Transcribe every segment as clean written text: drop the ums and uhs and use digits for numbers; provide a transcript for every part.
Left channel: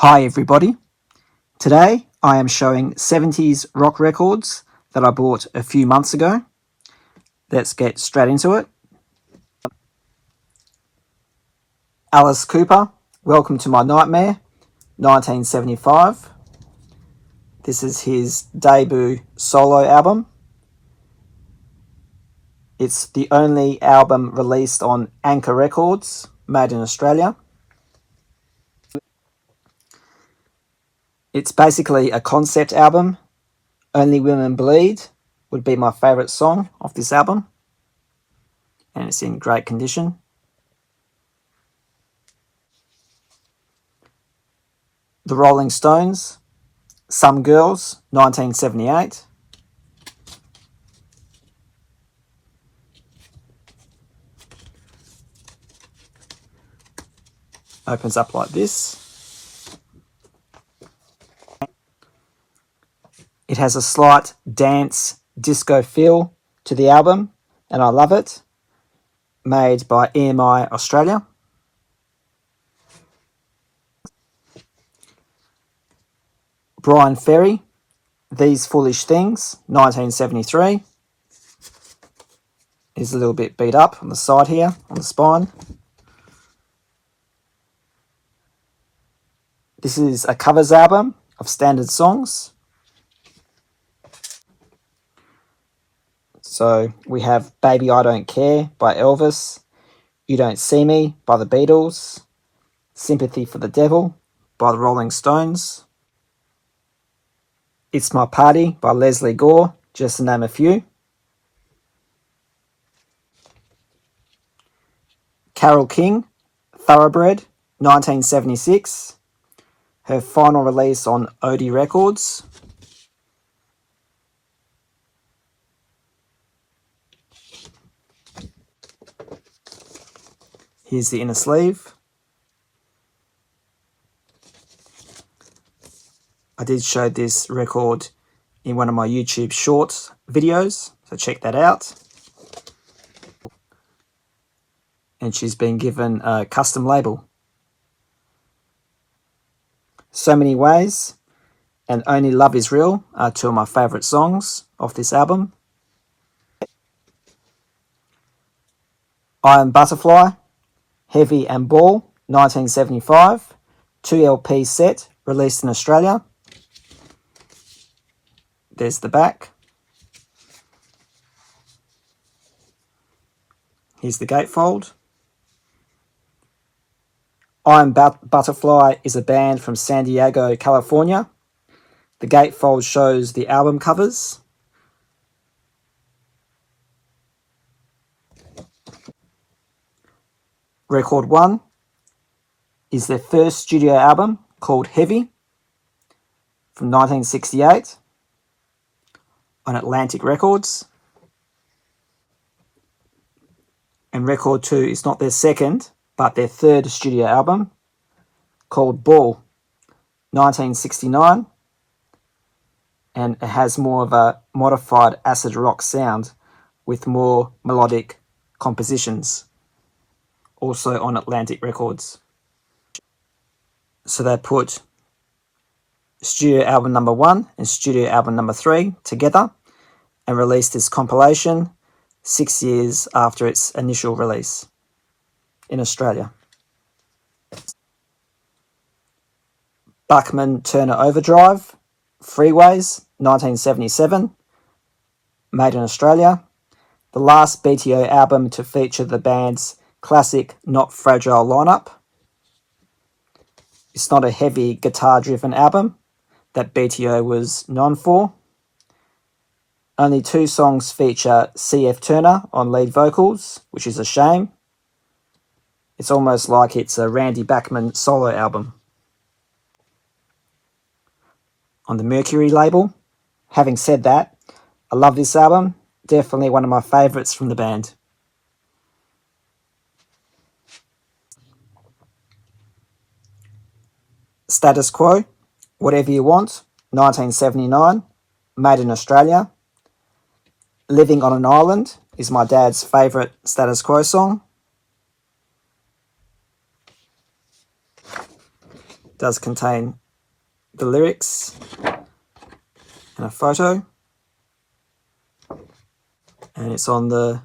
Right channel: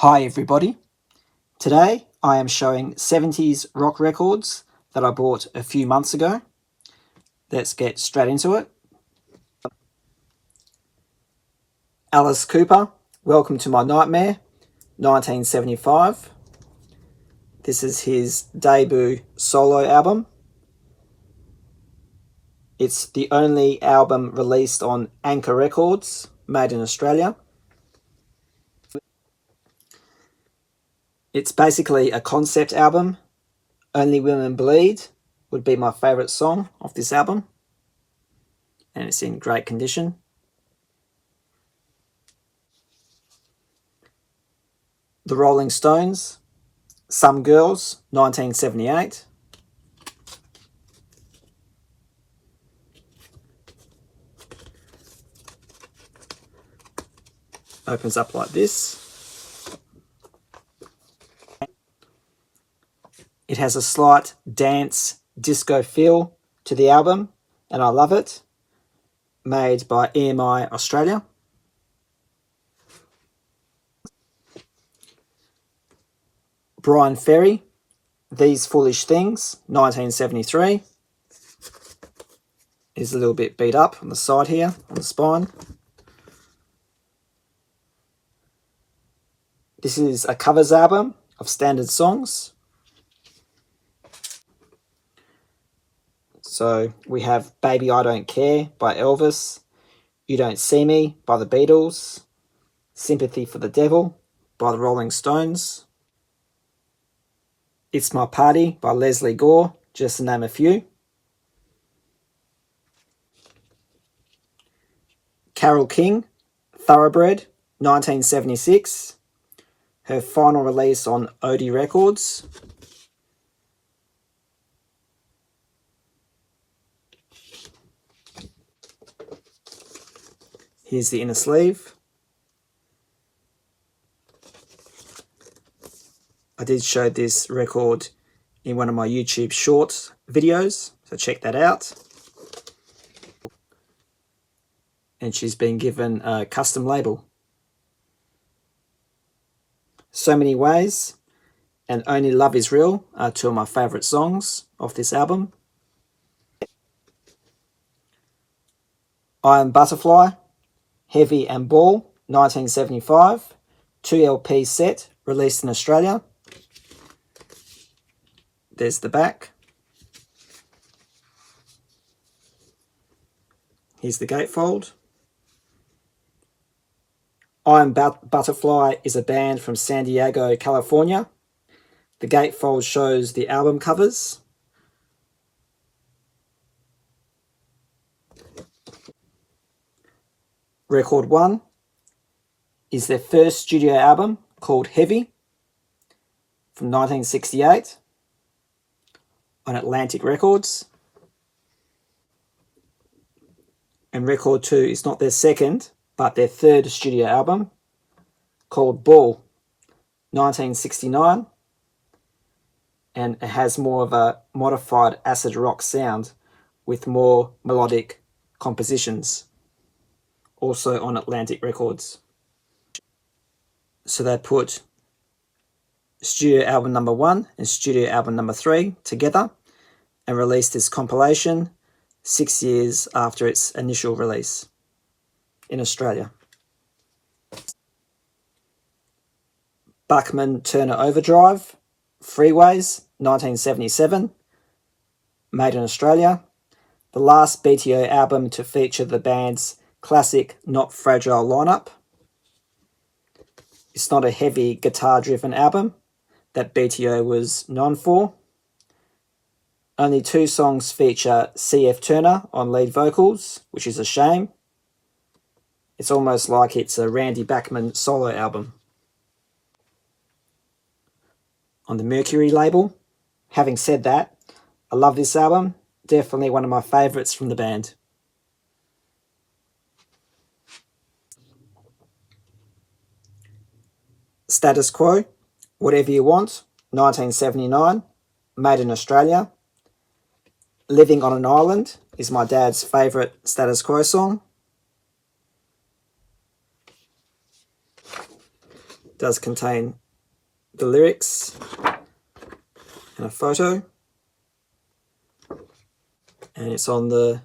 Hi everybody. Today I am showing 70s rock records that I bought a few months ago. Let's get straight into it. Alice Cooper, Welcome to My Nightmare, 1975. This is his debut solo album. It's the only album released on Anchor Records, made in Australia. It's basically a concept album. Only Women Bleed would be my favourite song of this album, and it's in great condition. The Rolling Stones, Some Girls, 1978. Opens up like this. It has a slight dance disco feel to the album, and I love it. Made by EMI Australia. Brian Ferry, These Foolish Things, 1973. Is a little bit beat up on the side here, on the spine. This is a covers album of standard songs. So we have Baby I Don't Care by Elvis, You Don't See Me by the Beatles, Sympathy for the Devil by the Rolling Stones, It's My Party by Leslie Gore, just to name a few. Carole King, Thoroughbred, 1976. Her final release on Odie Records. Here's the inner sleeve. I did show this record in one of my YouTube Shorts videos, so check that out. And she's been given a custom label. So Many Ways and Only Love Is Real are two of my favourite songs off this album. I Am Butterfly, Heavy and Ball, 1975, 2 LP set, released in Australia. There's the back. Here's the gatefold. I Am Butterfly is a band from San Diego, California. The gatefold shows the album covers. Record 1 is their first studio album called Heavy from 1968 on Atlantic Records. And Record 2 is not their second, but their third studio album called Ball, 1969. And it has more of a modified acid rock sound with more melodic compositions, also on Atlantic Records. So they put studio album number 1 and studio album number 3 together and released this compilation 6 years after its initial release in Australia. Buckman Turner Overdrive, Freeways, 1977, made in Australia. The last BTO album to feature the band's classic Not Fragile lineup. It's not a heavy guitar-driven album that BTO was known for. Only 2 songs feature C.F. Turner on lead vocals, which is a shame. It's almost like it's a Randy Bachman solo album. On the Mercury label. Having said that, I love this album. Definitely one of my favourites from the band. Status Quo, Whatever You Want, 1979, made in Australia. Living on an Island is my dad's favourite Status Quo song. does contain the lyrics and a photo, and it's on the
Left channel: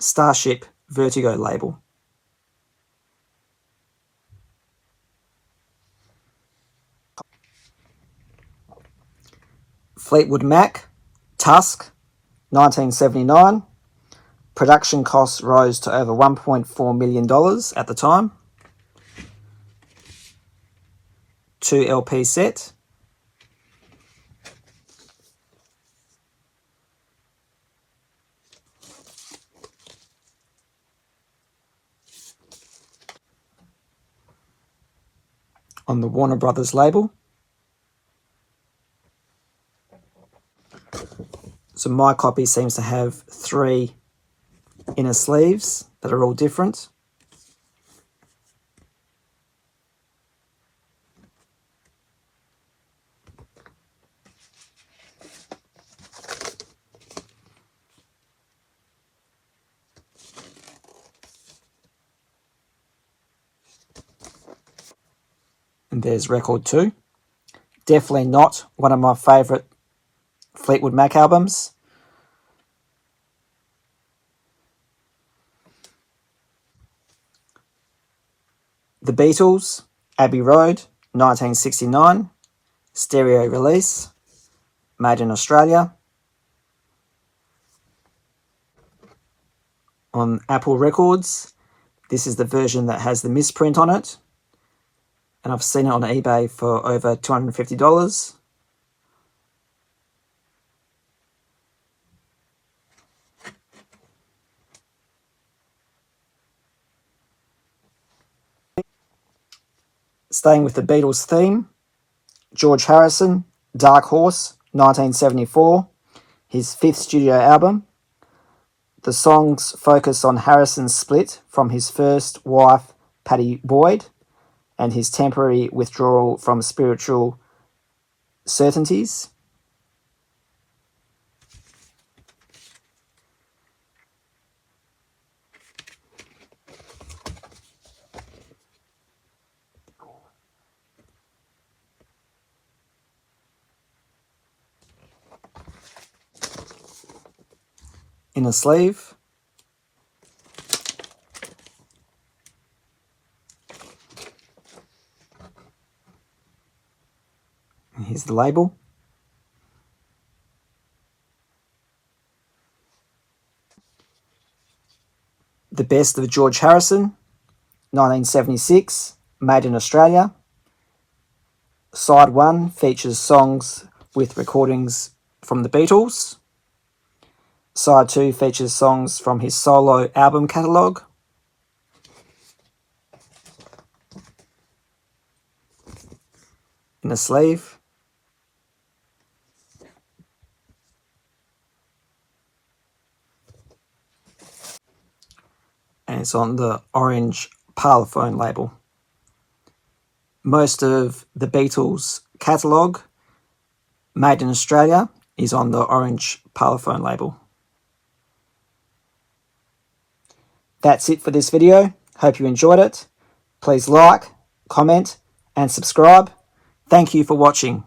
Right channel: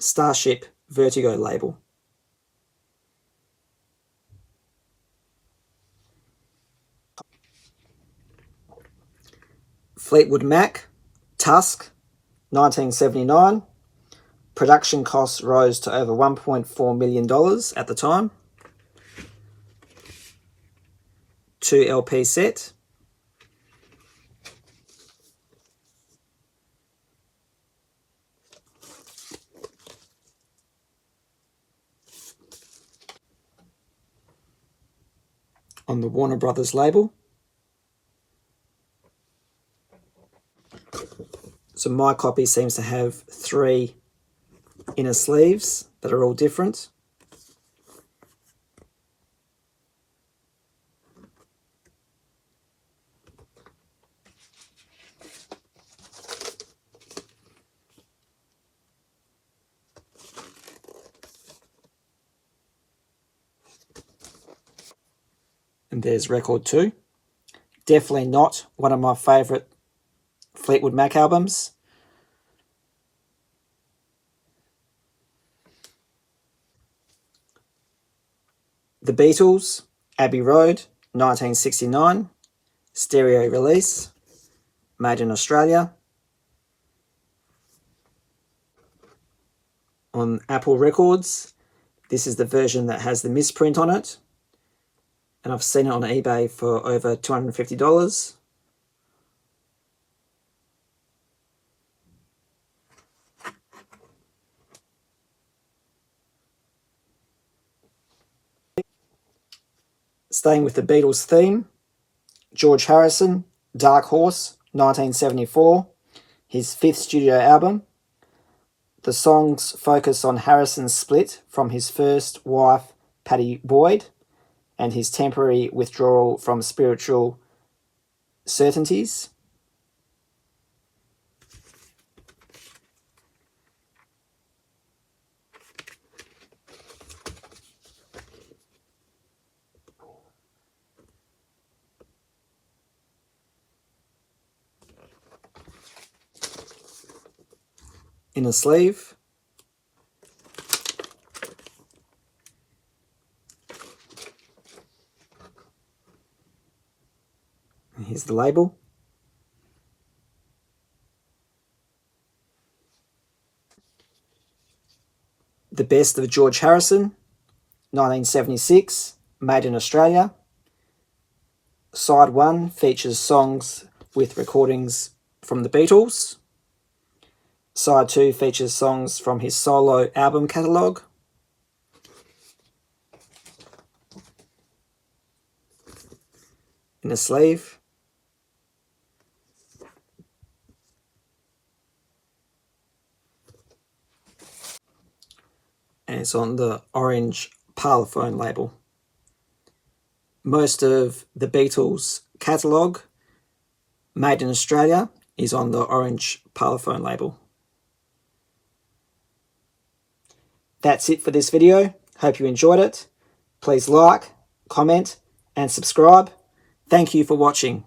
Starship Vertigo label. Fleetwood Mac, Tusk, 1979. Production costs rose to over $1.4 million at the time. 2 LP set. On the Warner Brothers label. So my copy seems to have 3 inner sleeves that are all different. And there's record 2. Definitely not one of my favourite Fleetwood Mac albums. The Beatles, Abbey Road, 1969. Stereo release, made in Australia. On Apple Records, this is the version that has the misprint on it. And I've seen it on eBay for over $250. Staying with the Beatles theme, George Harrison, Dark Horse, 1974, his 5th studio album. The songs focus on Harrison's split from his first wife, Pattie Boyd, and his temporary withdrawal from spiritual certainties. In a sleeve. And here's the label. The Best of George Harrison, 1976, made in Australia. Side 1 features songs with recordings from the Beatles. Side 2 features songs from his solo album catalogue. In a sleeve. And it's on the orange Parlophone label. Most of the Beatles catalogue, made in Australia, is on the orange Parlophone label. That's it for this video. Hope you enjoyed it. Please like, comment, and subscribe. Thank you for watching.